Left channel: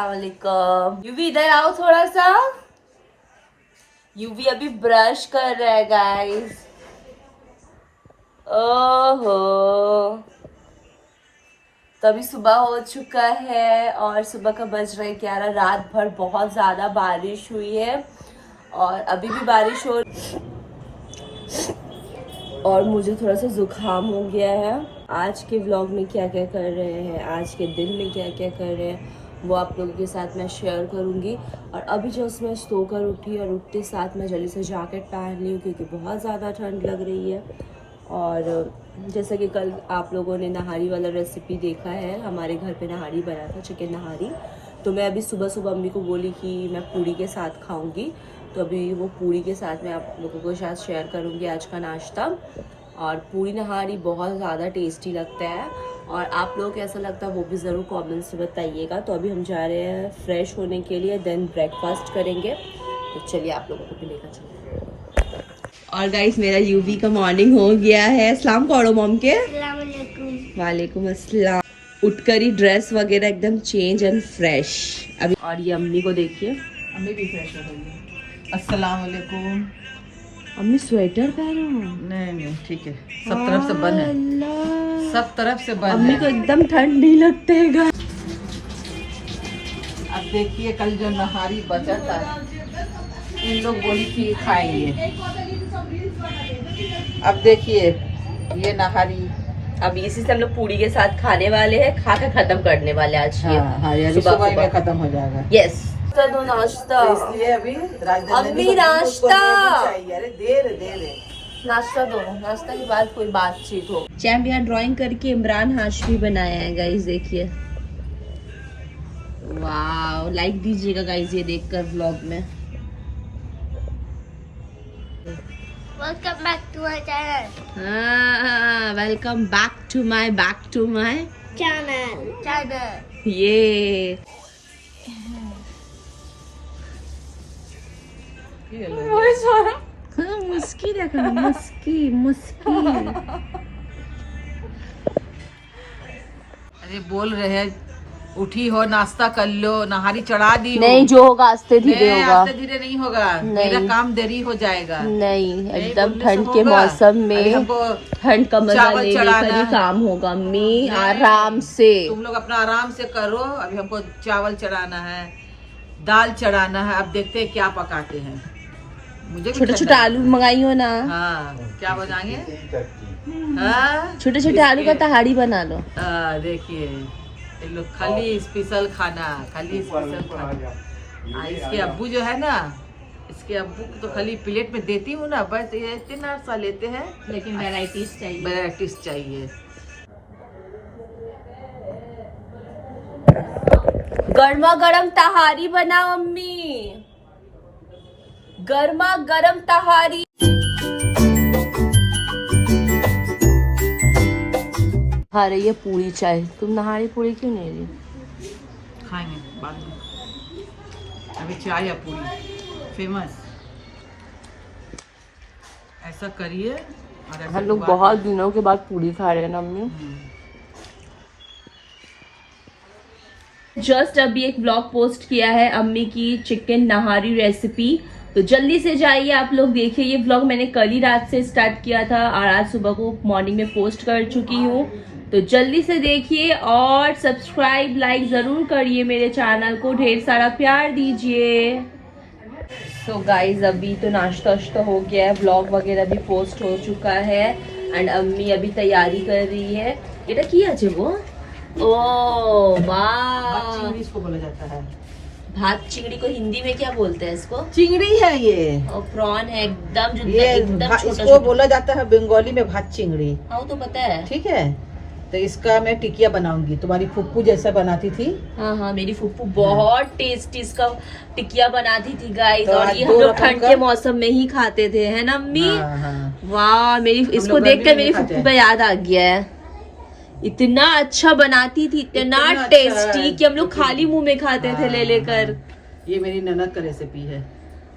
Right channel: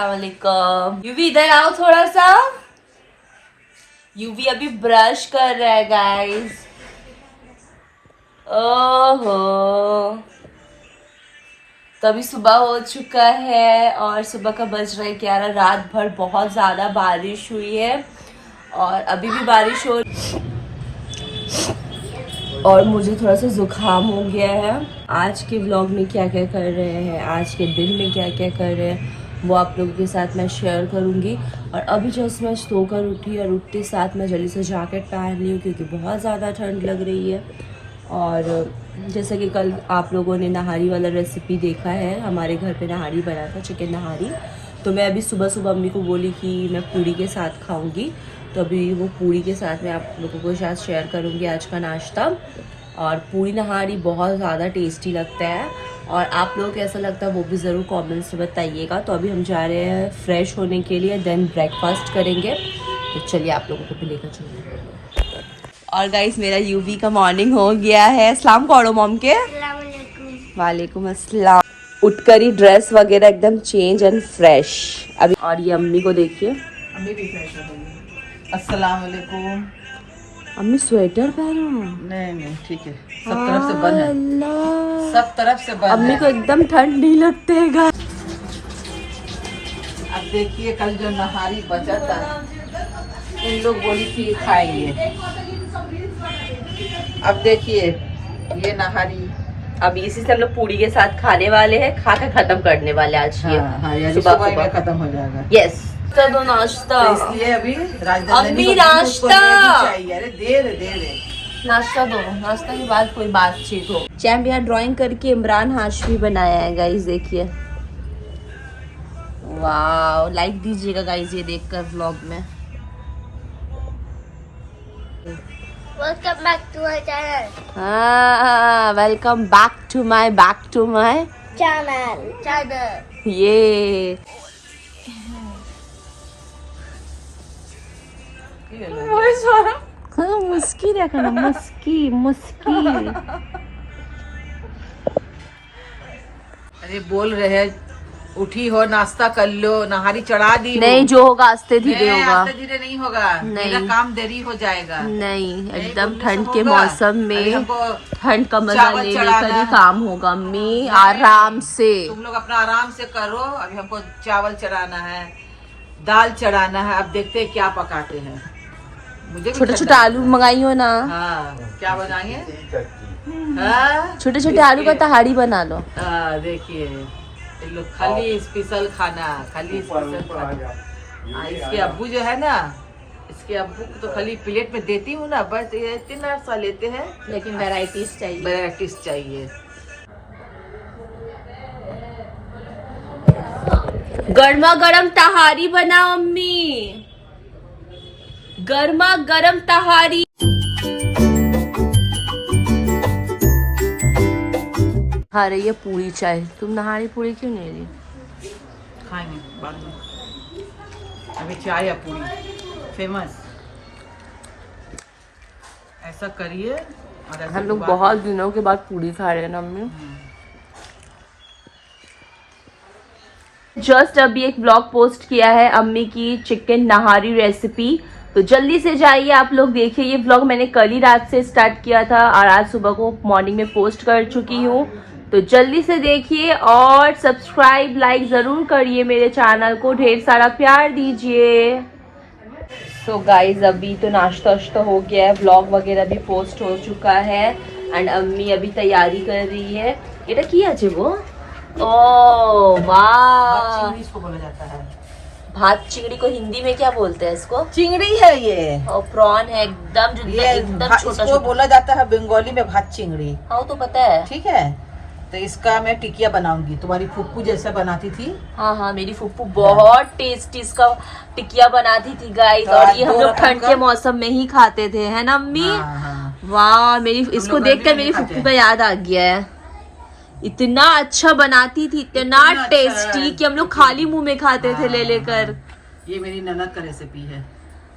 अस्सलाम वालेकुम। यूवी इधर आओ थोड़ा सा। यूवी अभी ब्रश कर रहा है गाइस। ओहो, तो अभी सुबह हो चुका है और सुबह का बज रहा है 11। रात भर बहुत ज़्यादा बारिश हुई है और अभी भी बारिश हो और मुझे थोड़ा सा जुकाम हो गया है। आज के व्लॉग में क्या क्या कर रहे हैं, आज के दिन में क्या क्या कर रहे हैं, वो आप लोगों के साथ मैं शेयर करूंगी। और अभी जस्ट मैं सोकर उठी और उठते साथ मैं जल्दी से जैकेट पहन ली हूँ क्योंकि बहुत ज़्यादा ठंड लग रही है। और जैसा कि कल आप लोगों ने नहारी वाला रेसिपी देखा है, हमारे घर पे नहारी बना था, चिकन नहारी। तो मैं अभी सुबह सुबह अम्मी को बोली कि मैं पूड़ी के साथ खाऊंगी, तो अभी वो पूड़ी के साथ मैं आप लोगों को साथ शेयर करूंगी आज का नाश्ता। और पूड़ी नहारी बहुत ज़्यादा टेस्टी लगता है और आप लोगों को कैसा लगता है वो भी ज़रूर कमेंट्स में बताइएगा। तो अभी हम जा रहे हैं फ्रेश होने के लिए, देन ब्रेकफास्ट करेंगे। तो चलिए आप लोगों को भी लेकर चलिए। और गाइस मेरा यूवी का मॉर्निंग हो गया है। सलाम करो मॉम के। वालेकुम अस्सलाम। उठकर ही ड्रेस वगैरह एकदम चेंज एंड फ्रेश अभी। और ये अम्मी को देखिए, अम्मी भी फ्रेश होंगी। अस्सलाम वालेकुम। अम्मी स्वेटर पहनो। नहीं ठीक है, सब तरफ से बंद है, सब तरफ से बंद अम्मी है। को एकदम ठंड नहीं लगते है। अब देखिए कल जो नहारी बचा था, इन लोग बोली थी खाएंगे। अब देखिए ये नहारी अब इसी से हम लोग पूड़ी के साथ खाने वाले हैं, खा के खत्म करने वाले आज ये। यानी सुबह में खत्म हो जाएगा। यस, तो दो नाश्ता। इसलिए अभी अम्मी नाश्ता चाहिए। अरे देर नाश्ता दो, नाश्ता के बाद कोई बातचीत हो। चैम्प यहाँ ड्राइंग करके इमरान हाशमी बनाया है गाइस, देखिए। वाह, लाइक दीजिएगा गाइस ये देखकर व्लॉग में। Welcome back to my channel. हाँ, welcome back to my Channel. ये हाँ, मुस्की देखा, मुस्की। अरे बोल रहे हैं उठी हो, नाश्ता कर लो, नहारी चढ़ा दी हो। नहीं, जो होगा आस्ते धीरे होगा। आस्ते धीरे नहीं होगा, मेरा काम देरी हो जाएगा। नहीं, एकदम ठंड के मौसम में ठंड का मजा लेने का ही काम होगा अम्मी, आराम से। तुम लोग अपना आराम से करो। अभी हमको चावल चढ़ाना है, दाल चढ़ाना है। अब देखते हैं क्या पकाते हैं। मुझे छोटे छोटे आलू मंगाई हो ना। हाँ, क्या बनाएंगे? हाँ, छोटे छोटे आलू का तहाड़ी बना लो। देखिए लोग खाली स्पेशल खाना, खाली स्पेशल खाना। इसके अब्बू जो है ना, इसके अब्बू को तो खाली प्लेट में देती हूँ ना, बस ये इतना सा लेते हैं, लेकिन वैराइटीज चाहिए, वैराइटीज चाहिए। गर्मा गर्म तहारी बनाओ अम्मी, गर्मा गर्म तहारी। खा रही है पूरी चाय, तुम नहारी पूरी क्यों नहीं रही? खाएंगे बाद में। अभी चाय या पूरी फेमस, ऐसा करिए। और हम लोग बहुत दिनों के बाद पूरी खा रहे हैं ना अम्मी। जस्ट अभी एक ब्लॉग पोस्ट किया है अम्मी की चिकन नहारी रेसिपी, तो जल्दी से जाइए आप लोग देखिए। ये व्लॉग मैंने कल ही रात से स्टार्ट किया था और आज सुबह को मॉर्निंग में पोस्ट कर चुकी हूँ, तो जल्दी से देखिए और सब्सक्राइब लाइक जरूर करिए मेरे चैनल को, ढेर सारा प्यार दीजिए। सो गाइज अभी तो नाश्ता वाश्ता हो गया है, व्लॉग वगैरह भी पोस्ट हो चुका है एंड अम्मी अभी तैयारी कर रही है। এটা কি আছে वो? ओ वाह, इसको बोला जाता है भात चिंगड़ी को हिंदी में क्या बोलते हैं इसको? चिंगड़ी है ये, और प्रॉन है एकदम ये एकदम छोटा इसको छोटा। बोला जाता है बंगाली में भात चिंगड़ी। हाँ तो पता है। ठीक है, तो इसका मैं टिकिया बनाऊंगी, तुम्हारी फुप्पू जैसा बनाती थी। हाँ हाँ, मेरी फुप्पू बहुत टेस्टी इसका टिकिया बनाती थी गाइस, तो और आज ये हम दो लोग रकम ठंड का- के मौसम में ही खाते थे, है ना अम्मी? हाँ। वाह, मेरी इसको लोग देख गर्मी कर में मेरी खाते फुप्पू हैं। का याद आ गया है। इतना अच्छा बनाती थी, इतना इतना अच्छा टेस्टी है। कि हम लोग खाली मुंह में खाते थे ले लेकर। ये मेरी ननद का रेसिपी है।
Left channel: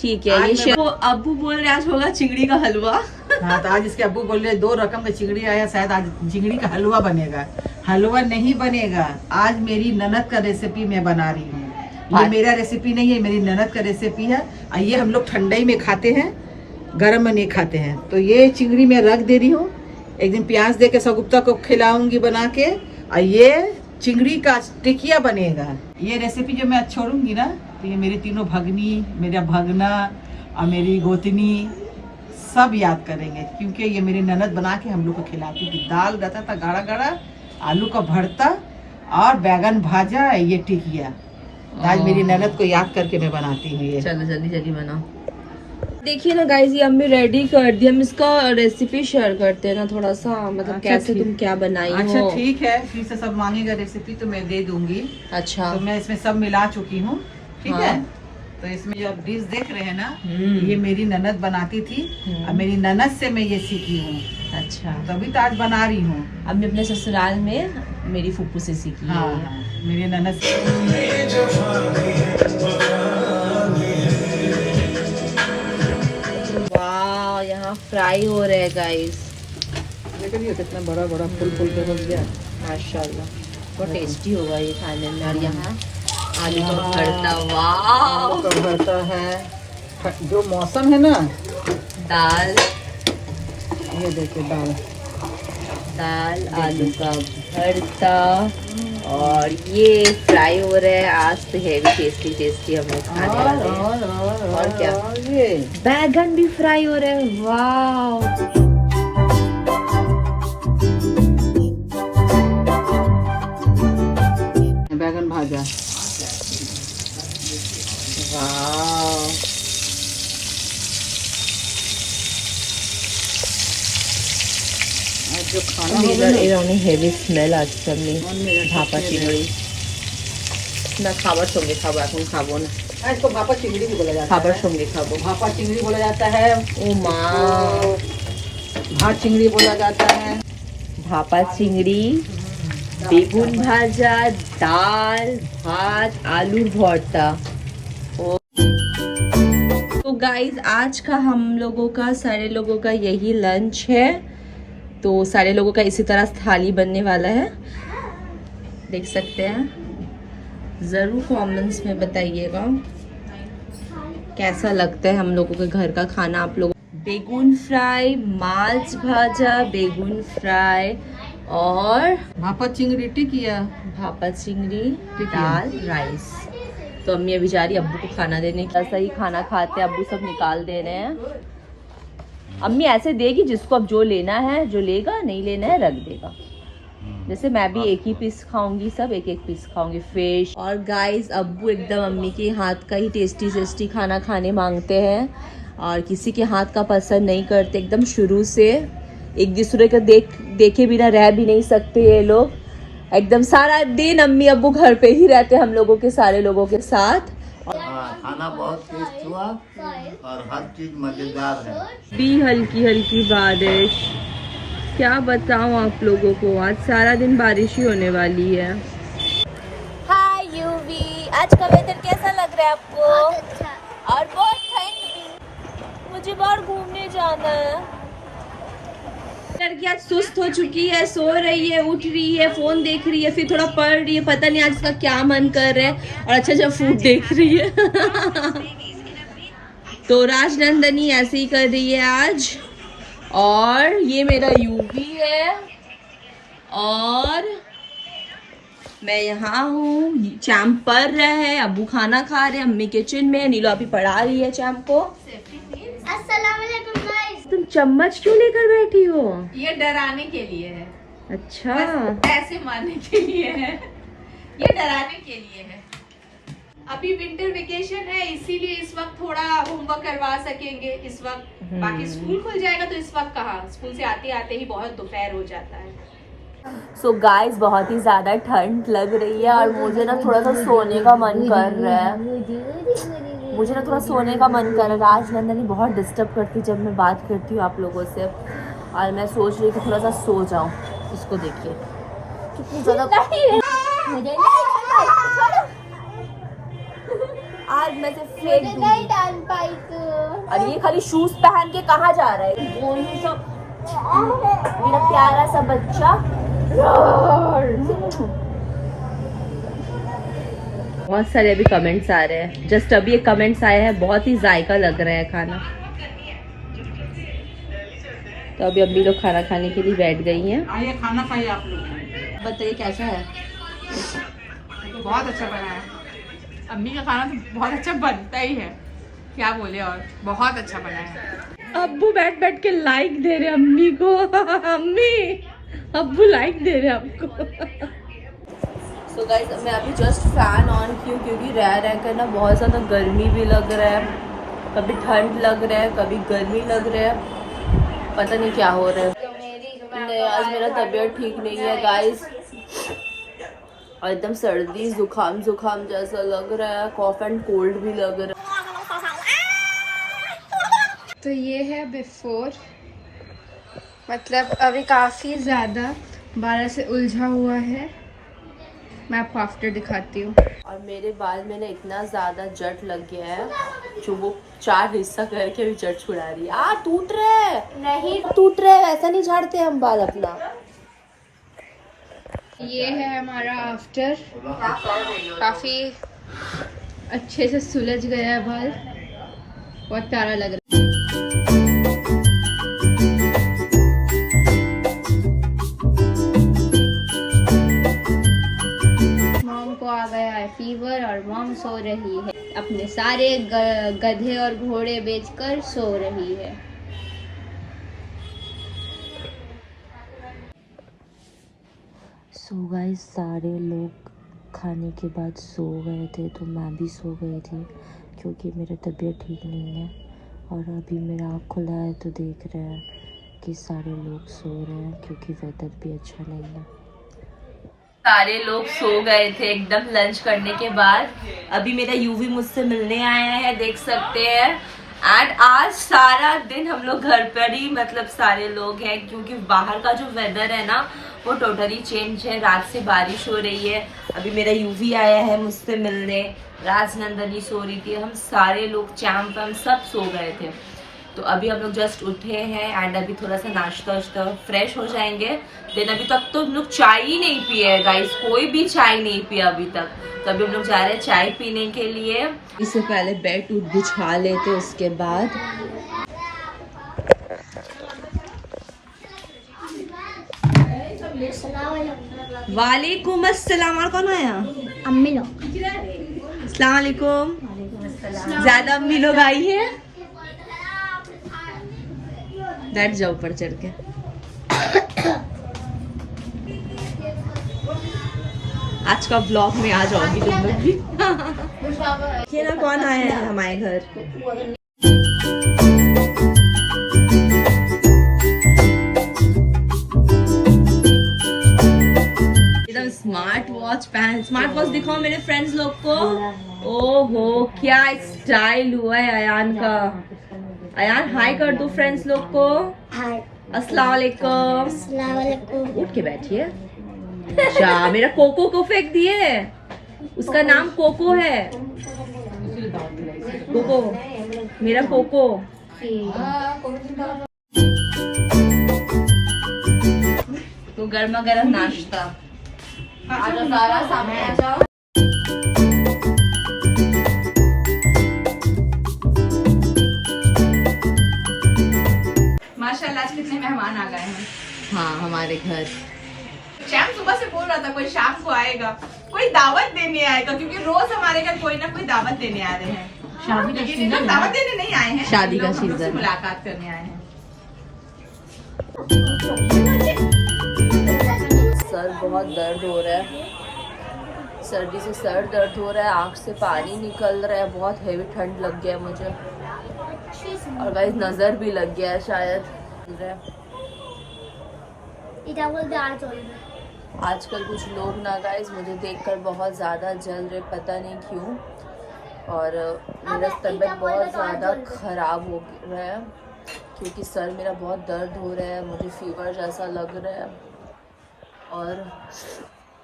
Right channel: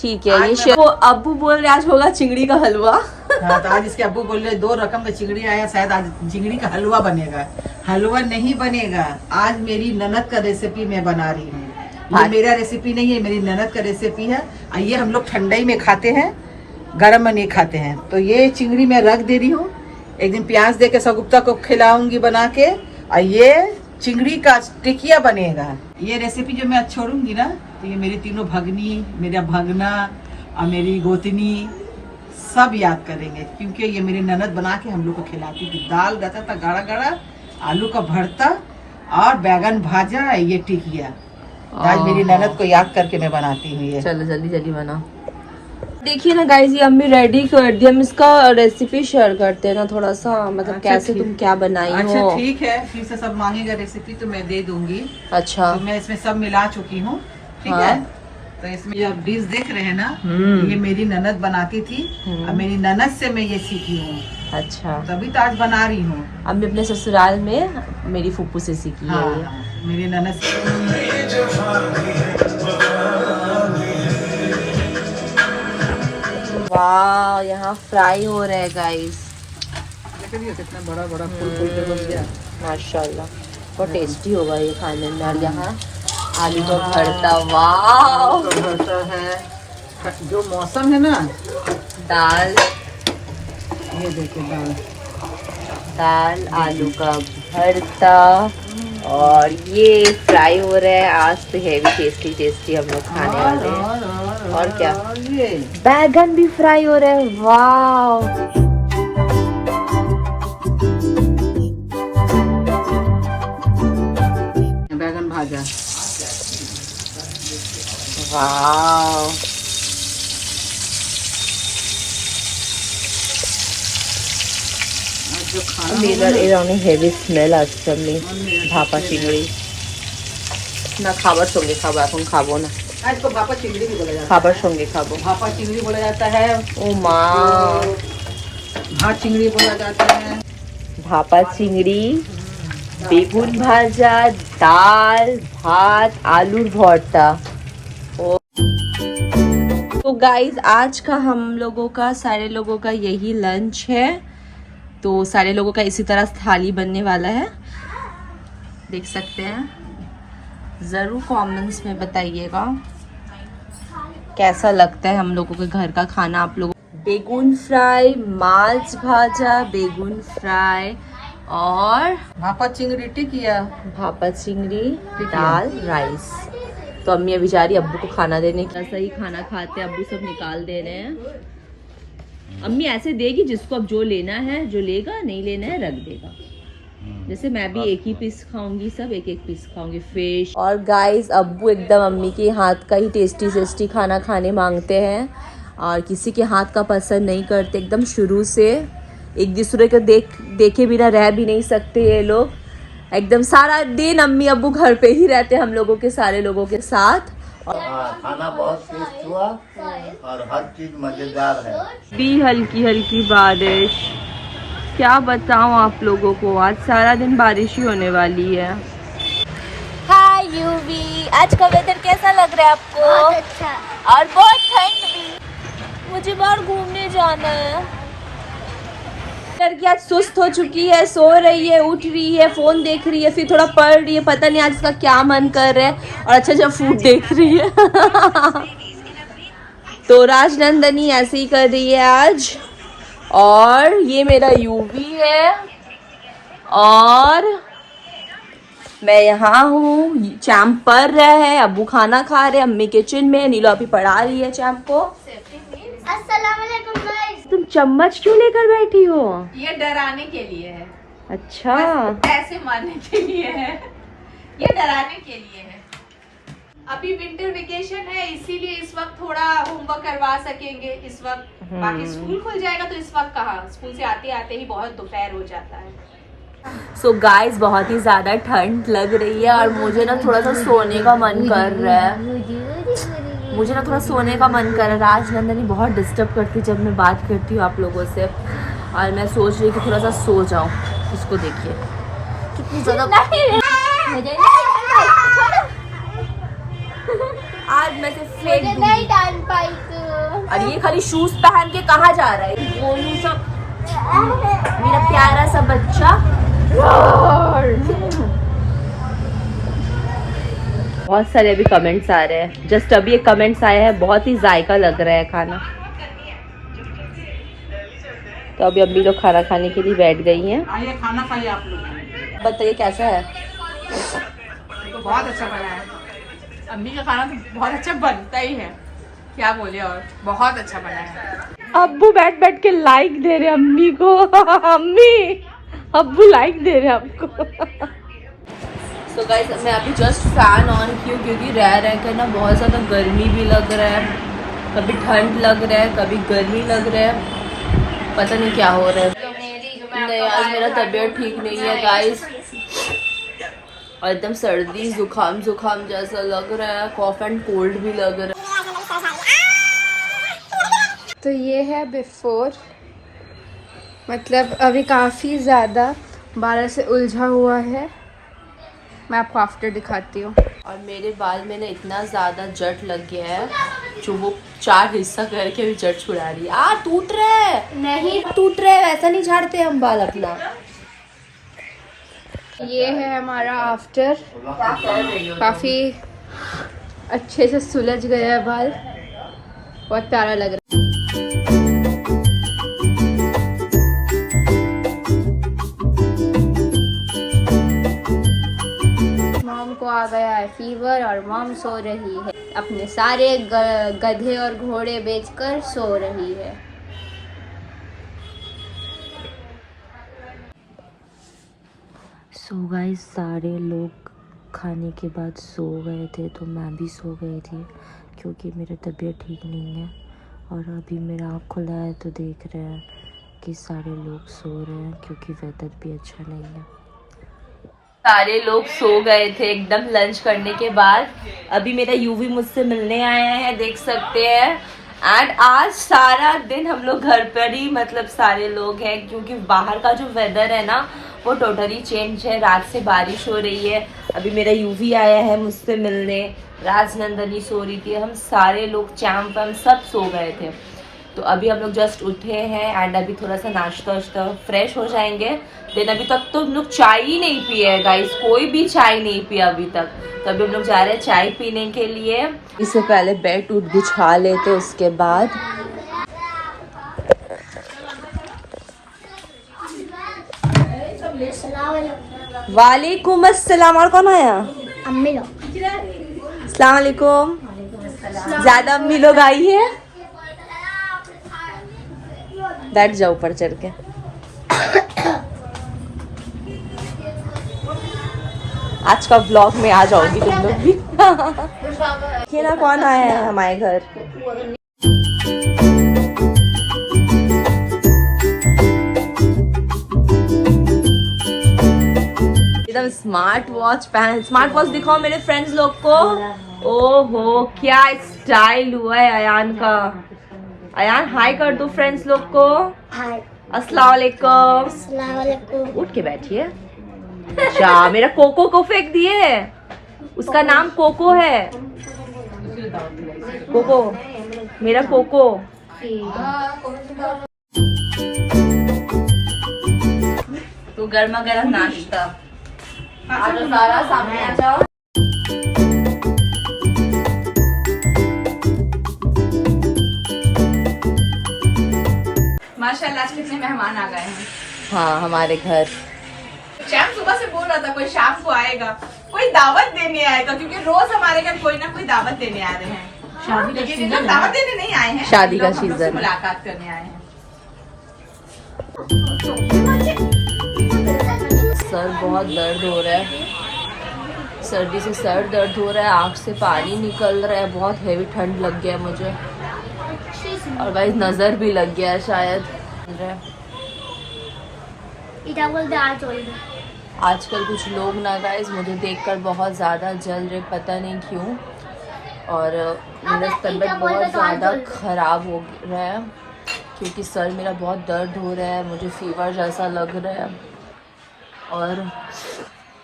ठीक है, आज ये मैं- वो अब्बू बोल रहे आज होगा चिंगड़ी का हलवा। हाँ, तो आज इसके अब्बू बोल रहे 2 रकम का चिंगड़ी आया, शायद आज चिंगड़ी का हलवा बनेगा। हलवा नहीं बनेगा, आज मेरी ननद का रेसिपी मैं बना रही हूँ। ये मेरा रेसिपी नहीं है, मेरी ननद का रेसिपी है। और ये हम लोग ठंडाई में खाते हैं, गर्म में नहीं खाते हैं। तो ये चिंगड़ी मैं रख दे रही हूँ, एक दिन प्याज दे के सगुप्ता को खिलाऊंगी बना के। और ये चिंगड़ी का टिकिया बनेगा। ये रेसिपी जो मैं छोड़ूंगी ना, तो ये मेरी तीनों भगनी, मेरा भगना और मेरी गोतनी सब याद करेंगे, क्योंकि ये मेरी ननद बना के हम लोग को खिलाती थी। दाल रहता था गाढ़ा गाढ़ा, आलू का भरता और बैगन भाजा, ये टिकिया। आज मेरी ननद को याद करके मैं बनाती हूँ ये। चलो जल्दी जल्दी बनाओ। देखिए ना गाइस, ये अम्मी रेडी कर दी। हम इसका रेसिपी शेयर करते हैं ना थोड़ा सा, मतलब अच्छा, कैसे ठीक। तुम क्या बनाई हो। अच्छा ठीक है, फिर से सब मांगेगा रेसिपी तो मैं दे दूंगी। अच्छा तो मैं इसमें सब मिला चुकी हूँ, ठीक हाँ। है। तो इसमें जो आप डिश देख रहे हैं ना, हम्म। ये मेरी ननद बनाती थी और मेरी ननद से मैं ये सीखी हूँ, अच्छा। तभी तो आज बना रही हूँ। अम्मी अपने ससुराल में मेरी फूफू से सीखी हाँ, है। हाँ, मेरी ननद से। वाह, यहाँ फ्राई हो रहा है गाइस। बड़ा बड़ा फूल माशाल्लाह, बहुत टेस्टी होगा ये खाने में। और यहाँ आलू का भरता, वाह। रहता है जो मौसम है ना। दाल, ये देखिए दाल आलू का भरता, और ये फ्राई हो रहा है। आज तो हैवी टेस्टी टेस्टी हम लोग खाने वाले हैं। और क्या, ये बैगन भी फ्राई हो रहा है, वाह। बैगन भाजा, वाह, जो खाना এরকমই হেভি স্মেল আসছে। আমি ভাপা চিংড়ি না খাবার সঙ্গে খাবো, এখন খাবো না, इसको भापा चिंगड़ी भी बोला जाता है। খাবার সঙ্গে খাবো। भापा चिंगड़ी बोला जाता है, ও মা, भात चिंगड़ी बोला जाता है। ভাপা চিংড়ি, বেগুন ভাজা, ডাল, ভাত, আলুর ভর্তা। तो गाइस, आज का हम लोगों का, सारे लोगों का यही लंच है। तो सारे लोगों का इसी तरह थाली बनने वाला है, देख सकते हैं। ज़रूर कमेंट्स में बताइएगा कैसा लगता है हम लोगों के घर का खाना आप लोगों। बेगुन फ्राई, माछ भाजा, बेगुन फ्राई और भापा चिंगड़ी टिकिया। भापा चिंगड़ी, दाल, राइस। तो अम्मी अभी जा रही है अब्बू को खाना देने। कैसा ही खाना खाते हैं, अब्बू सब निकाल दे रहे हैं। अम्मी ऐसे देगी, जिसको अब जो लेना है, जो लेगा, नहीं लेना है रख देगा। जैसे मैं भी एक ही पीस खाऊंगी, सब एक एक पीस खाऊंगी फिश। और गाइस, अब्बू एकदम अम्मी के हाथ का ही टेस्टी टेस्टी खाना खाने मांगते हैं, और किसी के हाथ का पसंद नहीं करते। एकदम शुरू से एक दूसरे को देखे बिना रह भी नहीं सकते ये लोग। एकदम सारा दिन अम्मी अब्बू घर पे ही रहते हैं हम लोगों के, सारे लोगों के साथ। खाना बहुत टेस्ट हुआ और हर चीज मजेदार है। भी हल्की हल्की बारिश, क्या बताऊं आप लोगों को, आज सारा दिन बारिश ही होने वाली है। हाय यूवी, आज का वेदर कैसा लग रहा है आपको? बहुत अच्छा। और बहुत ठंड भी। मुझे बाहर घूमने जाना है। लड़की आज सुस्त हो चुकी है, सो रही है, उठ रही है, फोन देख रही है, फिर थोड़ा पढ़ रही है, पता नहीं आज इसका क्या मन कर रहा है, और अच्छा अच्छा फूड देख रही है। तो राजनंदनी ऐसे ही कर रही है आज। और ये मेरा यूवी है, और मैं यहाँ हूँ। चैम्प पढ़ रहा है, अब्बू खाना खा रहे हैं, अम्मी किचन में, नीलो अभी पढ़ा रही है चैम्प को। अस्सलाम वालेकुम गाइस। तुम चम्मच क्यों लेकर बैठी हो? ये डराने के लिए है, अच्छा, बस ऐसे मारने के लिए है, ये डराने के लिए है। अभी विंटर वेकेशन है, इसीलिए इस वक्त थोड़ा होमवर्क करवा सकेंगे इस वक्त। बाकी स्कूल खुल जाएगा तो इस वक्त कहाँ, स्कूल से आते आते ही बहुत दोपहर हो जाता है। सो गाइस, बहुत ही ज़्यादा ठंड लग रही है, और मुझे ना थोड़ा सा सोने का मन कर रहा है। मुझे ना थोड़ा सोने का मन कर रहा है। राजनंदनी बहुत डिस्टर्ब करती है जब मैं बात करती हूँ आप लोगों से, और मैं सोच रही थी थोड़ा सा सो जाऊँ। इसको देखिए कितनी ज़्यादा। आज मैं से फेंक दूंगी। नहीं डाल पाई तो। और ये खाली शूज पहन के कहाँ जा रहा है? बोलूं सब, मेरा प्यारा सा बच्चा। बहुत सारे अभी कमेंट्स आ रहे हैं। जस्ट अभी एक कमेंट्स आया है, बहुत ही जायका लग रहा है खाना। तो अभी अम्मी लोग खाना खाने के लिए बैठ गई हैं। आइए खाना खाइए आप लोग। बताइए कैसा है? तो बहुत अच्छा बना है। अम्मी का खाना तो बहुत अच्छा बनता ही है, क्या बोले, और बहुत अच्छा बना है। अब्बू बैठ बैठ के लाइक दे रहे अम्मी को। अम्मी, अब्बू लाइक दे रहे आपको। सो गाइस, मैं अभी जस्ट फैन ऑन की हूँ क्योंकि रह कर ना बहुत ज़्यादा गर्मी भी लग रहा है। कभी ठंड लग रहा है, कभी गर्मी लग रहा है, पता नहीं क्या हो रहा है। नहीं, आज मेरा तबीयत ठीक नहीं है गाइस, और एकदम सर्दी जुकाम जैसा लग रहा है, कॉफ एंड कोल्ड भी लग रहा है। तो ये है बिफोर, मतलब अभी काफ़ी ज़्यादा बालों से उलझा हुआ है। मैं आपको आफ्टर दिखाती हूँ। और मेरे बाल में ना इतना ज़्यादा जट लग गया है, जो वो 4 हिस्सा करके भी जट छुड़ा रही है। टूट रहा है, नहीं टूट रहा है, वैसा नहीं झाड़ते हम बाल अपना। ये है हमारा आफ्टर, काफ़ी अच्छे से सुलझ गया है बाल, बहुत प्यारा लग रहा है। मॉम को आ गया है फीवर और मॉम सो रही है, अपने सारे गधे और घोड़े बेचकर सो रही है। सो गाइस, सारे लोग खाने के बाद सो गए थे, तो मैं भी सो गई थी क्योंकि मेरा तबीयत ठीक नहीं है। और अभी मेरा आँख खुला है तो देख रहे हैं कि सारे लोग सो रहे हैं क्योंकि वेदर भी अच्छा नहीं है। सारे लोग सो गए थे एकदम लंच करने के बाद। अभी मेरा यूवी मुझसे मिलने आया है, देख सकते हैं। एंड आज सारा दिन हम लोग घर पर ही, मतलब सारे लोग हैं, क्योंकि बाहर का जो वेदर है ना वो टोटली चेंज है। रात से बारिश हो रही है। अभी मेरा यूवी आया है मुझसे मिलने, राजनंदनी सो रही थी, हम सारे लोग चैम्प हम सब सो गए थे। तो अभी हम लोग जस्ट उठे हैं एंड अभी थोड़ा सा नाश्ता वाश्ता फ्रेश हो जाएंगे। देन अभी तक तो हम लोग चाय ही नहीं पिए है गाइस, कोई भी चाय नहीं पिया अभी तक। तो अभी हम लोग जा रहे हैं चाय पीने के लिए। इससे पहले बेड उठ बिछा लेते, उसके बाद वालेकुम अस्सलाम। और कौन आया? अम्मी लोग। अस्सलाम वालेकुम। ज्यादा अम्मी लोग आई है, बैठ जाओ ऊपर चढ़ के। आज का ब्लॉग में आ जाओगी तुम लोग भी। ये ना कौन आया है हमारे घर? एकदम स्मार्ट वॉच पहन, स्मार्ट वॉच दिखाओ मेरे फ्रेंड्स लोग को। ओहो, क्या स्टाइल हुआ है अयान का। अयान हाय कर दो फ्रेंड्स लोग को। हाय। अस्सलाम वालेकुम। अस्सलाम वालेकुम। उठ के बैठिए। अच्छा, मेरा कोको को फेंक दिए, उसका नाम कोको है। कोको, मेरा कोको। तो गर्मा गर्म नाश्ता। आ जाओ सारा, सामने आ जाओ। माशाल्लाह आज कितने मेहमान आ गए हैं। हाँ, हमारे घर। शैम सुबह से बोल रहा था कोई शाम को आएगा, कोई दावत देने आएगा, क्योंकि रोज हमारे घर कोई ना कोई दावत देने आ रहे हैं। लेकिन इधर दावत देने नहीं आए हैं, शादी का लोग हम लोग से सीजन। मुलाकात करने आए हैं। सर बहुत दर्द हो रहा है, सर्दी से सर दर्द हो रहा है, आँख से पानी निकल रहा है, बहुत हेवी ठंड लग गया मुझे, और भाई नज़र भी लग गया है शायद। आजकल कुछ लोग ना गाइस मुझे देखकर बहुत ज़्यादा जल रहे, पता नहीं क्यों, और मेरा तबीयत बहुत ज़्यादा ख़राब हो रहा है क्योंकि सर मेरा बहुत दर्द हो रहा है, मुझे फीवर जैसा लग रहा है और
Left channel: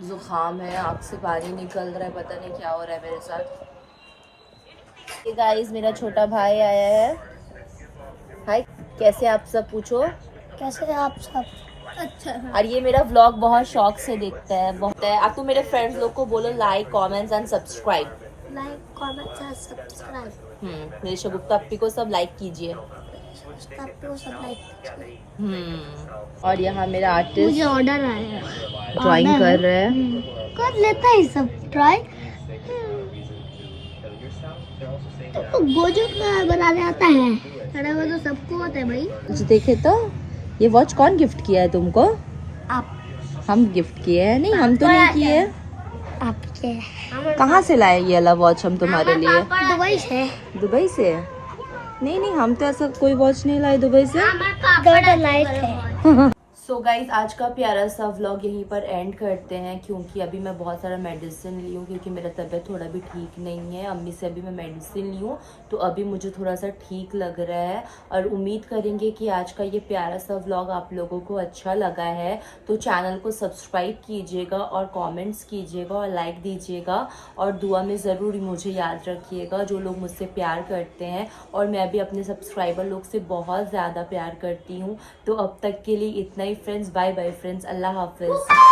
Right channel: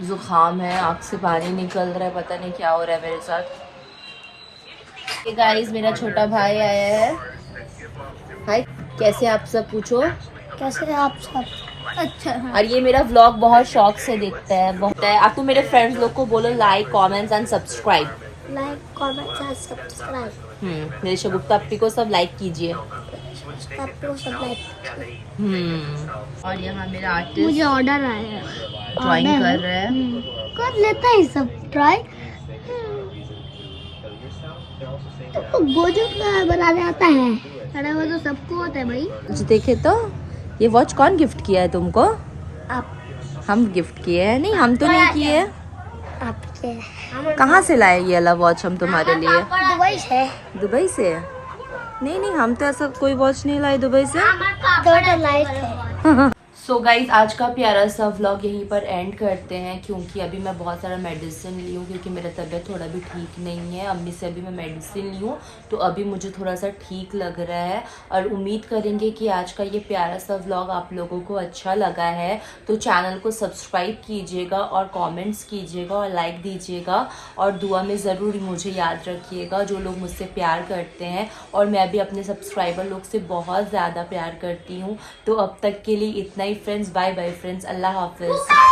ज़ुकाम है, आँख से पानी निकल रहा है, पता नहीं क्या हो रहा है मेरे साथ। ये गाइस मेरा छोटा भाई आया है। हाय, कैसे आप सब? पूछो कैसे आप सब? अच्छा है। और ये मेरा व्लॉग बहुत शौक से देखता है बहुत है। आप तो मेरे फ्रेंड्स लोग को बोलो like comments and subscribe. Like comment and subscribe. मेरे शगुफ्ता अपी को सब लाइक कीजिए। आपको सब लाइक। और यहाँ मेरा मुझे आर्टिस्ट ऑर्डर आया है। ड्राइंग कर रहा है। कर लेता है सब ट्राई। तो गोजू का बनाने आता है। अरे वो तो सबको आता है भाई। देखे तो ये वॉच कौन गिफ्ट किया है तुमको? आप हम गिफ्ट किए हैं। नहीं हम तो नहीं किए। आपके कहाँ से लाए ये वाला वॉच हम तुम्हारे लिए? दुबई से। दुबई से? नहीं हम तो ऐसा कोई वॉच नहीं लाए दुबई से। थोड़ा लाइट है। सो गाइज आज का प्यारा सा व्लॉग यहीं पर एंड करते हैं, क्योंकि अभी मैं बहुत सारा मेडिसिन ली हूँ, क्योंकि मेरा तबीयत थोड़ा भी ठीक नहीं है। अम्मी से अभी मैं मेडिसिन ली हूँ तो अभी मुझे थोड़ा सा ठीक लग रहा है। और उम्मीद करेंगे कि आज का ये प्यारा सा व्लॉग आप लोगों को अच्छा लगा है। तो चैनल को सब्सक्राइब कीजिएगा और कमेंट्स कीजिएगा और लाइक दीजिएगा। और दुआ में ज़रूर मुझे याद रखिएगा, जो लोग मुझसे प्यार करते हैं। और मैं भी अपने सब्सक्राइबर लोग से बहुत ज़्यादा प्यार करती हूँ। तो अब तक के लिए इतना ही फ्रेंड्स। Bye bye friends. अल्लाह हाफिज़।